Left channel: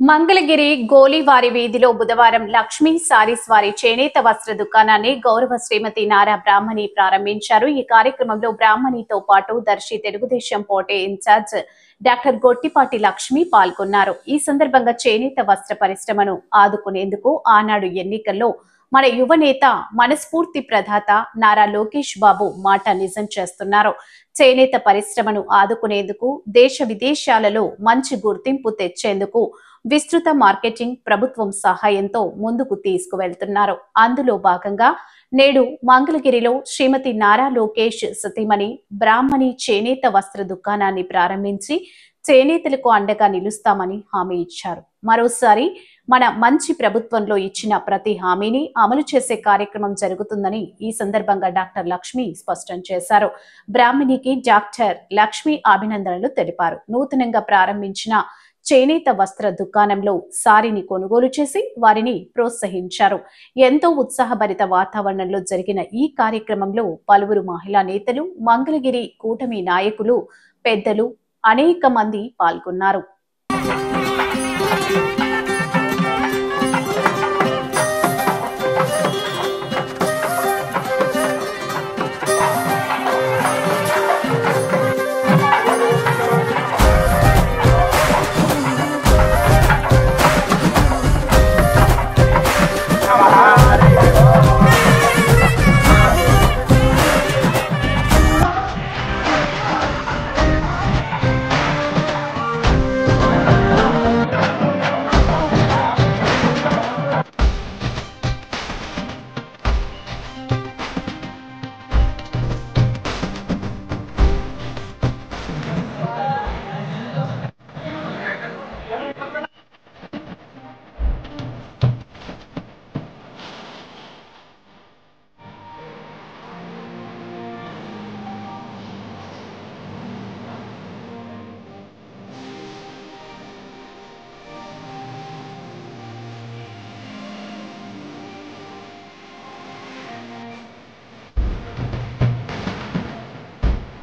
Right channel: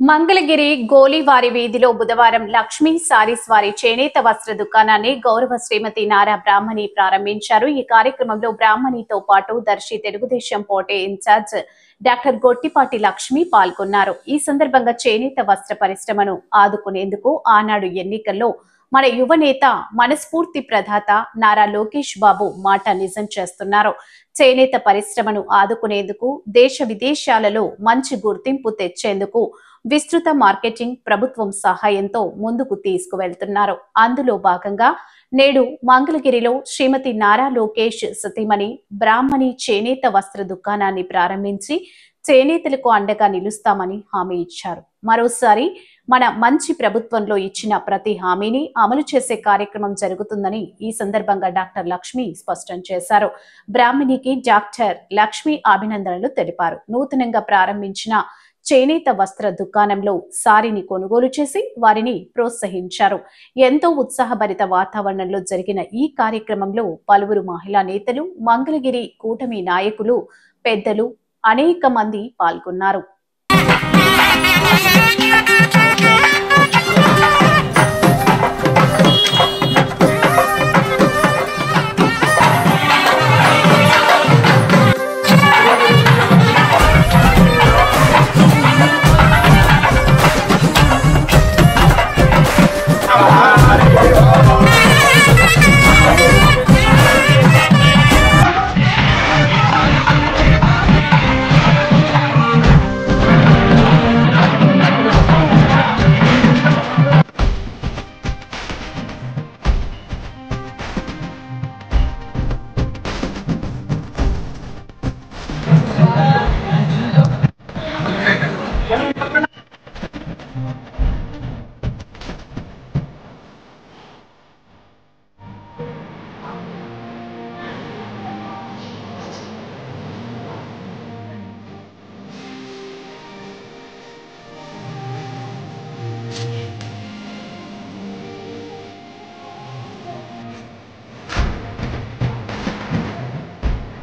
మంగళగిరి గోలివారి వీధిలో బుధవారం లక్ష్మీ సారీస్ వారి చేనేత వస్త్ర దుకాణాన్ని గౌరవ శ్రీమతి నారా బ్రాహ్మణి ప్రారంభించారు. ఈ కార్యక్రమంలో బ్రాహ్మణితో పాటు దర్శి తెలుగుదేశం పోటీ ఇన్ఛార్జ్ డాక్టర్ గొట్టిపాటి లక్ష్మి పాల్గొన్నారు. ఈ సందర్భంగా చేనేత వస్త్ర పరిశ్రమను ఆదుకునేందుకు ఆనాడు ఎన్నికల్లో మన యువనేత మనస్ఫూర్తి ప్రదాత నారా లోకేష్ బాబు మాట నిజం చేస్తున్నారు. చేనేత పరిశ్రమను ఆదుకునేందుకు దేశ విదేశాలలో మంచి గుర్తింపు తెచ్చేందుకు విస్తృత మార్కెటింగ్ ప్రభుత్వం సహాయంతో ముందుకు తీసుకువెళ్తున్నారు. అందులో భాగంగా నేడు మంగళగిరిలో శ్రీమతి నారా లోకేష్ సతీమణి బ్రాహ్మణి చేనేత వస్త్ర దుకాణాన్ని ప్రారంభించి చేనేతలకు అండగా నిలుస్తామని హామీ ఇచ్చారు. మరోసారి మన మంచి ప్రభుత్వంలో ఇచ్చిన ప్రతి హామీని అమలు చేసే కార్యక్రమం జరుగుతుందని ఈ సందర్భంగా డాక్టర్ లక్ష్మి స్పష్టం చేశారు. బ్రాహ్మణికి డాక్టర్ లక్ష్మి అభినందనలు తెలిపారు. నూతనంగా ప్రారంభించిన చేనేత వస్త్ర దుకాణంలో సారీని కొనుగోలు చేసి వారిని ప్రోత్సహించారు. ఎంతో ఉత్సాహభరిత వాతావరణంలో జరిగిన ఈ కార్యక్రమంలో పలువురు మహిళా నేతలు, మంగళగిరి కూటమి నాయకులు, పెద్దలు అనేక మంది పాల్గొన్నారు.